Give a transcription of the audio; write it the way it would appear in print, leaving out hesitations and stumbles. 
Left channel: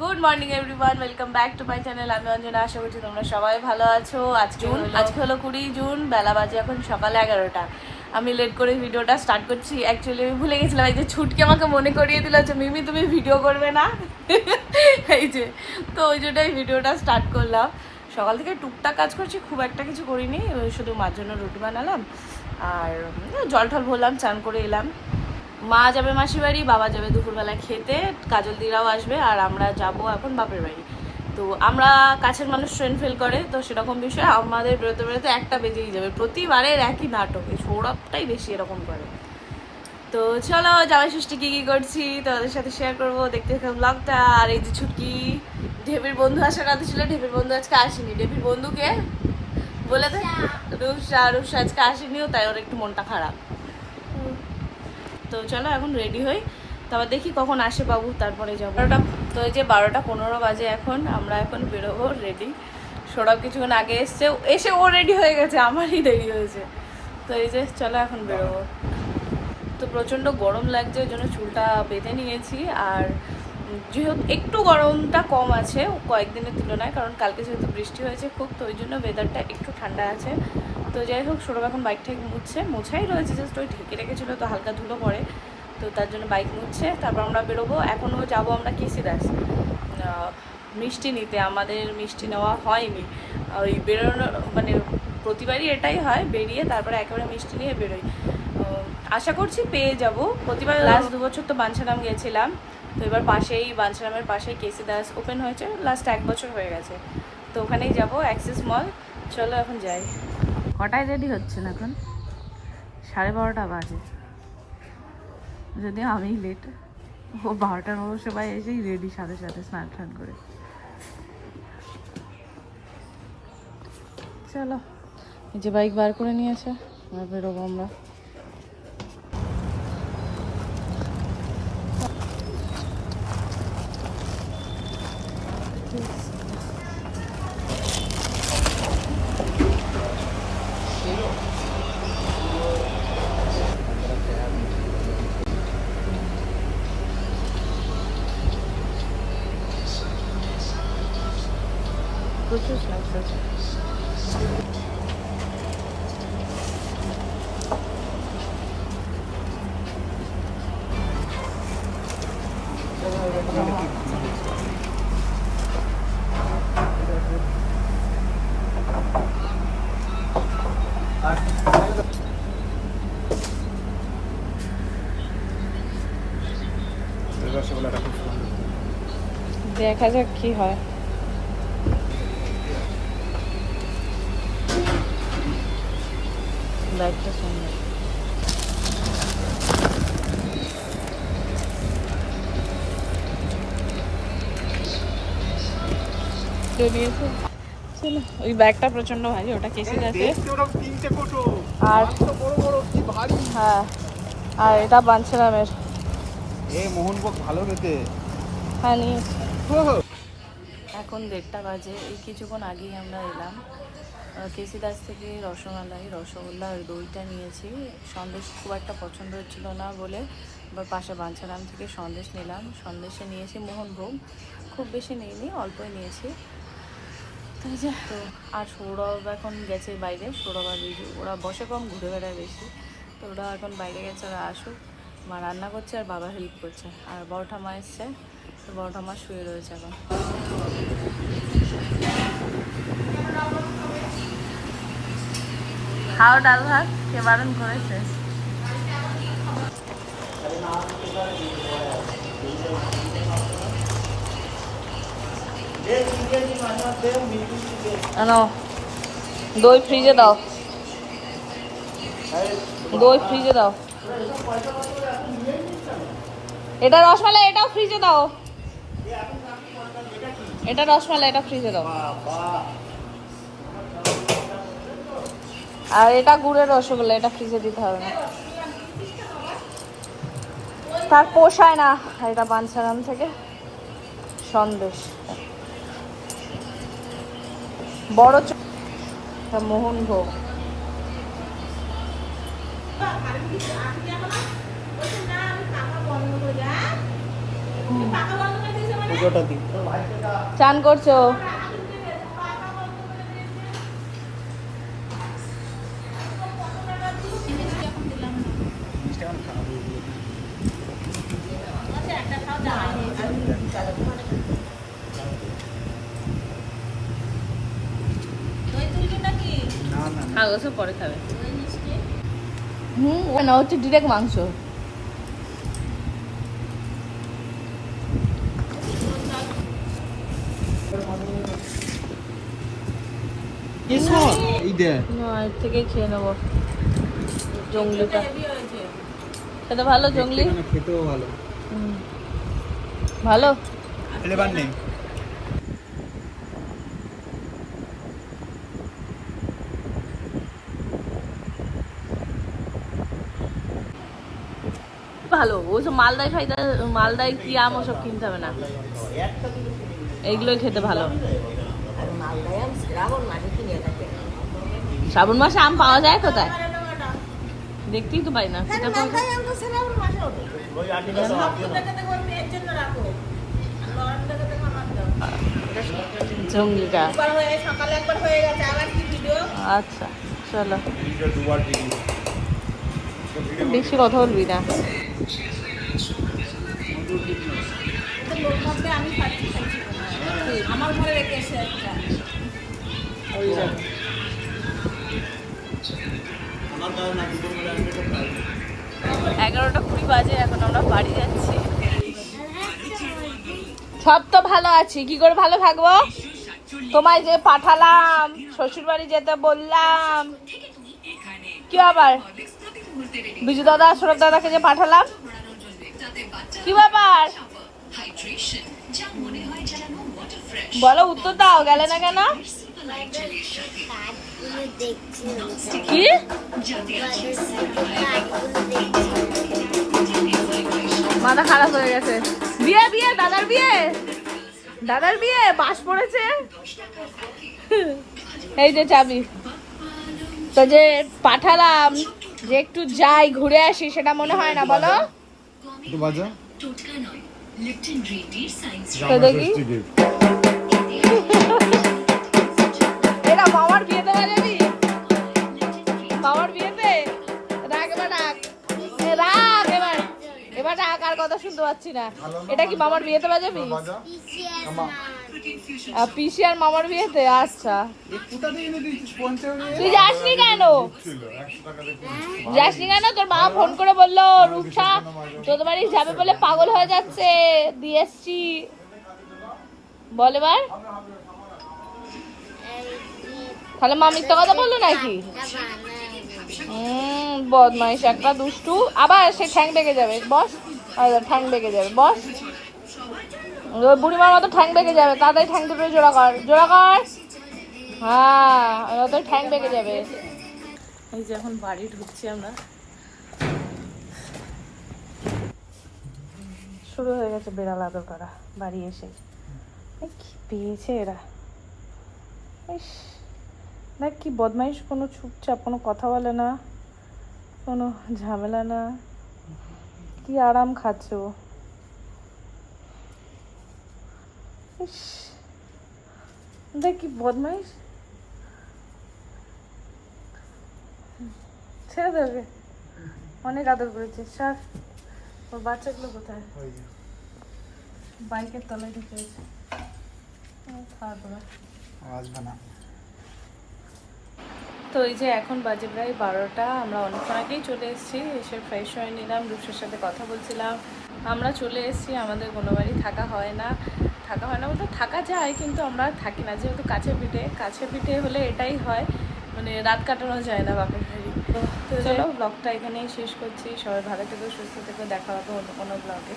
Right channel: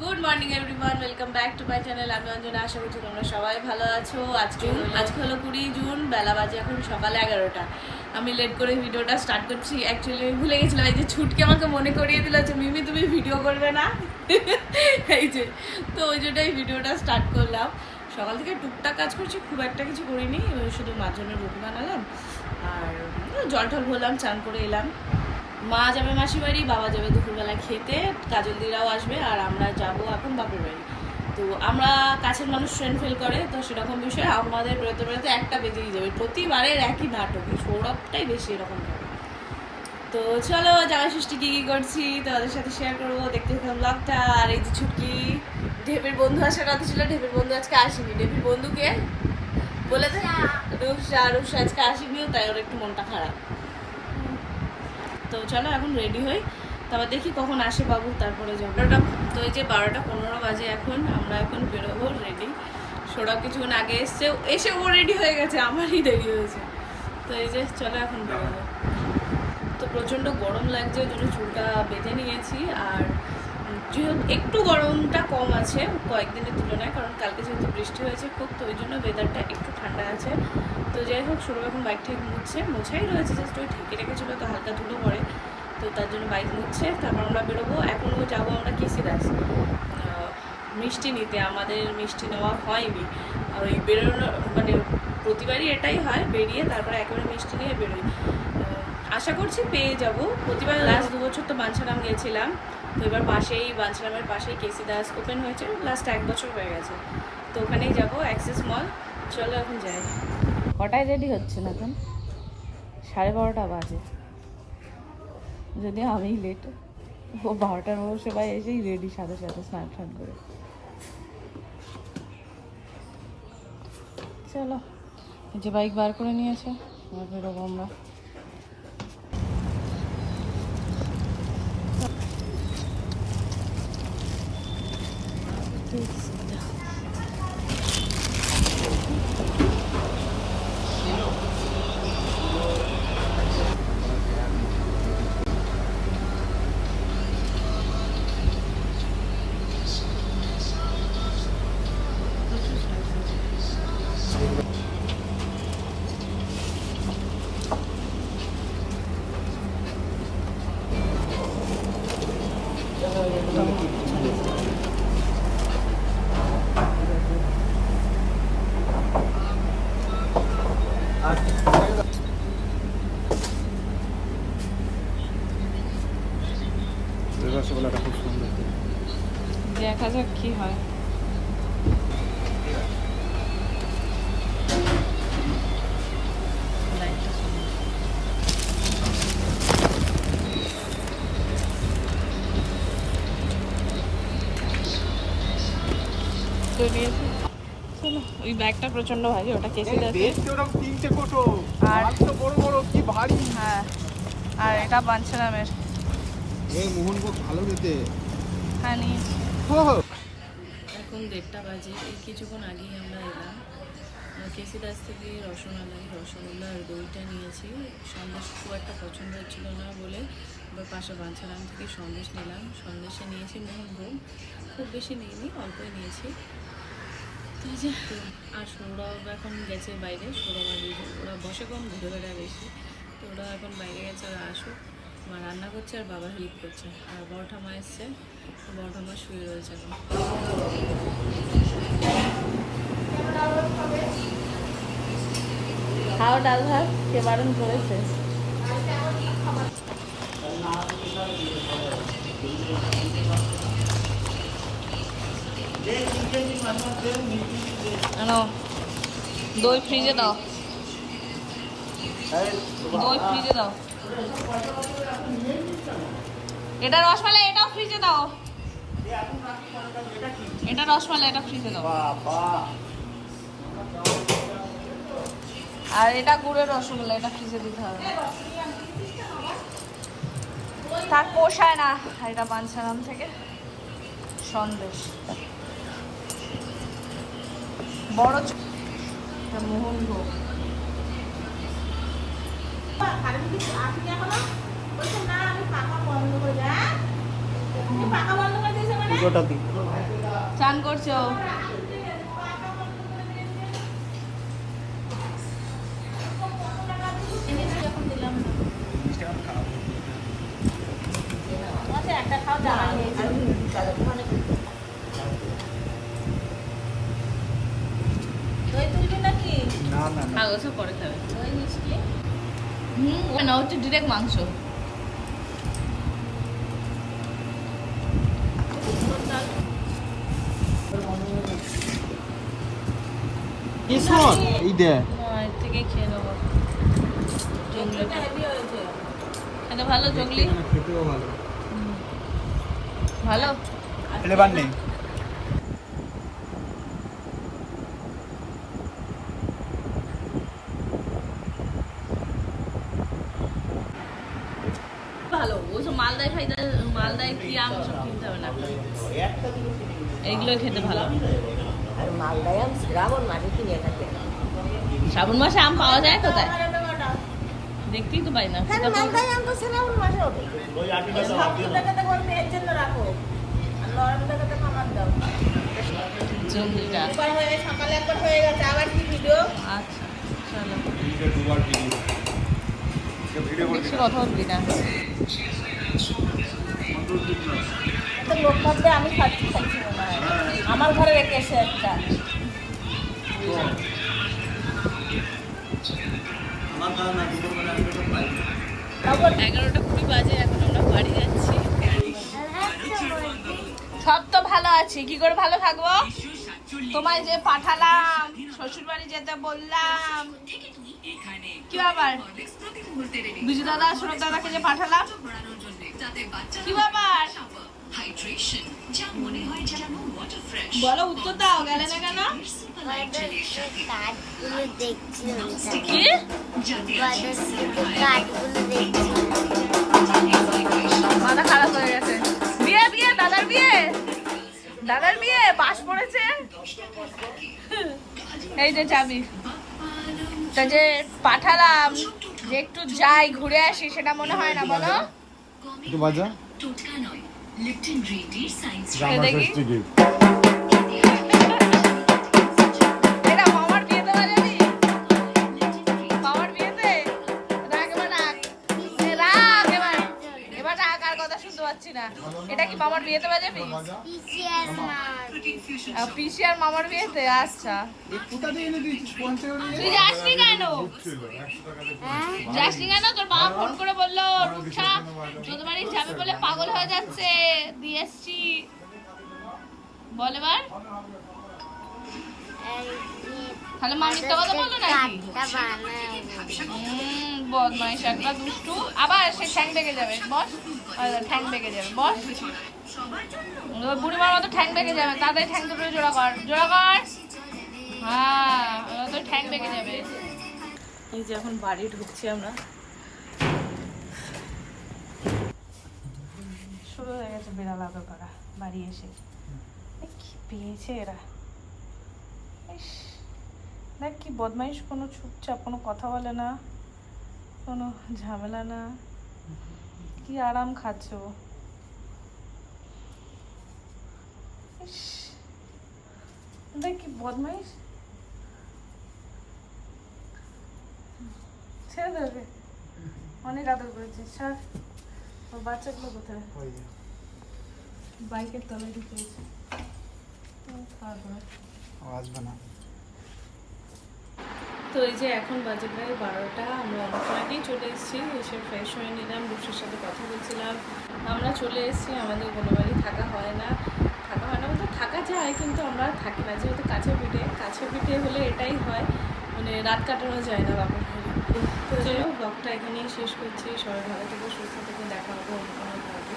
Good morning everyone, welcome back to my channel. আমি অঞ্জনা, আশা করছি তোমরা সবাই ভালো আছো। আজকে হলো 20 জুন, বেলা বাজে এখন সকাল 11টা। আমি লেট করে ভিডিওটা স্টার্ট করছি। অ্যাকচুয়ালি আমি ভুলে গেছিলাম, এই যে ছুটকি আমাকে মনে করিয়ে দিল যে মিমি তুমি ভিডিও করবে না। এই যে তো ওই জন্যই ভিডিওটা স্টার্ট করলাম। সকাল থেকে টুকটাক কাজ করছি, খুব একটা কিছু করিনি। শুধু মার জন্য রুটি বানালাম আর জল টল ভরলাম, চান করে এলাম। মা যাবে মাসির বাড়ি, বাবা যাবে দুপুরবেলা খেতে, কাজল দিরাও আসবে, আর আমরা যাব এখন বাপের বাড়ি। তো আমরা কাছের মানুষ ট্রেন ফেল করে, তো সেরকম বিষয় আমাদের বেরোতে বেরোতে 1টা বেজেই যাবে। প্রতিবারের একই নাটক, সৌরভটাই বেশি এরকম করে। তো চলো জামাই ষষ্ঠী কী কী করছি তোমাদের সাথে শেয়ার করবো, দেখতে থাকলাম ব্লগটা। আর এই যে ছুটকি, ঢেবির বন্ধু আসার কথা ছিল, ঢেবির বন্ধু আজকে আসেনি। ঢেবির বন্ধুকে বলে দে, রূপসা আজকে আসেনিও, তাই ওর একটু মনটা খারাপ। তো চলো এখন রেডি হই, তারপর দেখি কখন আসে বাবু, তারপরে যাবো। তো এই যে 12টা 15 বাজে, এখন আমরা এখন বেরোবো রেডি। সৌরভ কিছুক্ষণ আগে এসে ও রেডি হয়ে গেছে, আমারই দেরি হয়েছে। তো এই যে চলো এখন বেরোবো। তো প্রচণ্ড গরম লাগছে, ওই জন্য চুলটা বেঁধে নিয়েছি। আর যেহেতু একটু গরমটা কম আছে কয়েকদিনের তুলনায়, কারণ কালকে যেহেতু বৃষ্টি হয়েছে খুব, তো ওই জন্য ওয়েদারটা একটু ঠান্ডা আছে। তো যাই হোক, সৌরভ এখন বাইক ঠেক মোছাই রয়েছে, জাস্ট ওই ঢেকে রেখেছিলো, তো হালকা ধুলো পড়ে, তো তার জন্য বাইক মুছছে। তারপর আমরা বেরোবো। এখনও যাবো আমরা কেসি দাস মিষ্টি নিতে। আমাদের মিষ্টি নেওয়া হয়নি, ওই বেরোনো মানে প্রতিবারই এটাই হয়, বেরিয়ে তারপরে একেবারে মিষ্টি নিয়ে বেরোই। আশা করছি পেয়ে যাব। প্রতিবার লাস্ট 2 বছর তো বাঞ্ছারাম গেছিলাম, তো এবার পাশেই বাঞ্ছারামের পাশেই কেসি দাস ওপেন হয়েছে, লাস্ট 1 বছর হয়ে গেছে, তো ওখানেই যাব, অ্যাক্সেস মল। চলো এখন যাই। কটায় রেডি হচ্ছে না এখন? 12:30 বাজে, যদিও আমি লেট। ও 12টার অবশ্য ভাই এসেই রেডি, সাথে সাথে স্নান টান করে। চলো, এই যে বাইক বার করে নিয়েছে, বেরোবো আমরা। প্রচুর স্ন্যাক্স আছে। দেখা যাক কি হয়। লাইটটা সুন্দর। চলো, ওই ব্যাগটা প্রচন্ড ভারী, ওটা কেসে আছে। আর হ্যাঁ, আর এটা বাঞ্ছারামের। মোহনভোগ ভালো খেতে। হ্যাঁ নিয়েছি। এখন 1:30 বাজে, এই কিছুক্ষণ আগেই আমরা এলাম। কেসি দাস থেকে রসগোল্লা আর দইটা নিয়েছি। সন্দেশ খুব একটা পছন্দ হচ্ছিল না বলে আবার পাশে বাঞ্ছারাম থেকে সন্দেশ নিলাম। সন্দেশে নিয়েছি মোহনভোগ, খুব বেশি নিইনি, অল্পই নিয়েছি। তো আর সৌরভ এখন গেছে বাইরে। সৌরভ আর রিজু ওরা বসে কম, ঘুরে বেড়ায় বেশি, তো ওরা এখন বাইরে গেছে, ওরা আসুক। মা রান্না করছে আর বাবা হেল্প করছে, আর বড় ঠাম্মা এসছে, তো বড় ঠাম্মা শুয়ে রয়েছে এখন। খাও ডাল ভাত, কে বারণ করেছে? দই ফ্রিজে দাও, দই ফ্রিজে দাও। এটা রসমালাই, এটাও ফ্রিজে দাও। এটা রসমালাই, এটা ফ্রিজে দাও। আর এটা গুড়ের রসগোল্লা, এটা ফ্রিজে দিতে হবে না, তার পোষায় না। আর এটা বাঞ্ছারাম থেকে সন্দেশ, বড় মোহনভোগ। পাকা বন্ধ করে পুজোটা দিই। চান করছে ও। জিনিসটা এখন খারাপ হয়ে গেল। না না না আর ওসব পরে খাবে। না হচ্ছে ডিরেক্ট মাংস। এই দে না এর থেকেই খেয়ে নেবো। জঙ্গলিটা খেতে ভালো, জঙ্গলি খেতেও ভালো। ভালো। ফ্লেভার নেই। ভালো ওসব মালদায় ফাইদা, মালদায় কি আম ওসব কিনতে হবে না, এইগুলোই খেতে ভালো। আর মালদায় আম শ্রাবণ মাসে কিনে থাকে। শ্রাবণ মাসে আম পাওয়া যায় কোথায়? দেখতেই তো পাই না। তাহলে মালদায় আম তো শ্রাবণ মাসে হবে। জঙ্গলিটা সকালে একবার হয়ে গেছে, আবার কি ভিডিও? আচ্ছা চলো, বেশি কথা বলবি না। এত লোক ভাববে আমি খাচ্ছি খাচ্ছি মনে হয়। আমার ঘরে রেখে এসে একটা আমার কারণ না দুপুর বেলা আমি তো খাই। 11:20 বাজে, এখন আমরা বাড়ি যাচ্ছি। সব তো ভালো আছি, কি করে ভালো থাকবো? তোমায় যে পাঠালাম, শ্বশুর বাড়ি যেতে বললাম, কি ব্যাপার? বিজু দাদা, সৌরভ দাদাকে যে পাঠালাম, কি ব্যাপার? বলো, উত্তর দাও, গেলে না কেন? কি মাথা খারাপ হয়ে গেছে? বিয়ে বিয়ে দাদার বিয়ে, দাদার বিয়ে পাশ পড়েছে। এই যে চাবি, তা যে পাঠালাম যে একটু যাই ঘুরে আসি, সেটা মনে হয় না? বলো একটু বাজা তো দেখি। এটা মামার বিয়েতে না যাবি? মামার বিয়েতে? ডাক এবার ডাক। ডাক এবার। এবার ডাক, আর কথা শুনতে পাচ্ছি না। এটা কি মামার বিয়েতে বাজাবি? পিসি আর মামার বিয়েতে? আচ্ছা, কোথা থেকে এনে দিয়েছিস? 50 তুই যাসনি কেন? যাসনি কেন? তোর মা ফোন করে বললো রূপসা তোদের বাড়ি যাবে বলে পাগল হয়ে যাচ্ছে, দিয়ে এসছি। বল এবার। তাহলে মা মিথ্যা কথা বললো নাকি? বদমাইশ একটা, দুষ্টু। আবার সে ঠ্যাং বেঁকে যাবে, বস। ঠ্যাং বেঁকে যাবে, বস। ওই বুড়িমার মতো ঠ্যাং বেঁকে যাবে, তাড়াতাড়ি ঠ্যাং দুটো জোড়া কর, জোড়া কর। হ্যাঁ, তো ঠ্যাং বেঁকে যাবে। এই যে এখন বাড়ি ঢুকছি আমরা, শুরু হয়ে গেছে বেড়াল আদর করা বাড়ি এসে। কি পেয়েছে এরা, ইস, দেখ কি বদমাইশ, কোনো চুপচাপ, কোনো কথা বলে না, কোনো ঝামেলা না, কি আরাম খাচ্ছে ও। ইস, দেখ কি বদমাইশ। ছেড়ে দেবে, অনেক আদর করেছিস, ছাড়। ওর বাচ্চাগুলো কোথায়? বাইকের তলায় ঢুকেছে, খাওয়া দাওয়া আসবে না। তো এই যে এখন বাজে প্রায় 12টা, আমরা অনেকক্ষণ আগেই চলে এসেছি, এসে ফ্রেশ হয়ে নিলাম, রূপসার সাথে কথা বলছিলাম। আমরা চলে এসেছি, আমাদের কোনো বাড়ি থাকা হয় না বলতে থাকা যায়, কিন্তু আমরা থাকি না, যেহেতু কাছে পিঠে হলে এটাই হয়, মানে রাত কাটানো যায় না বাপের বাড়ি। তো চলো, ব্লগটা এখানেই শেষ করছি। সবাই ভালো থেকো, সুস্থ থেকো, দেখা হবে অন্য কোনো ব্লগে।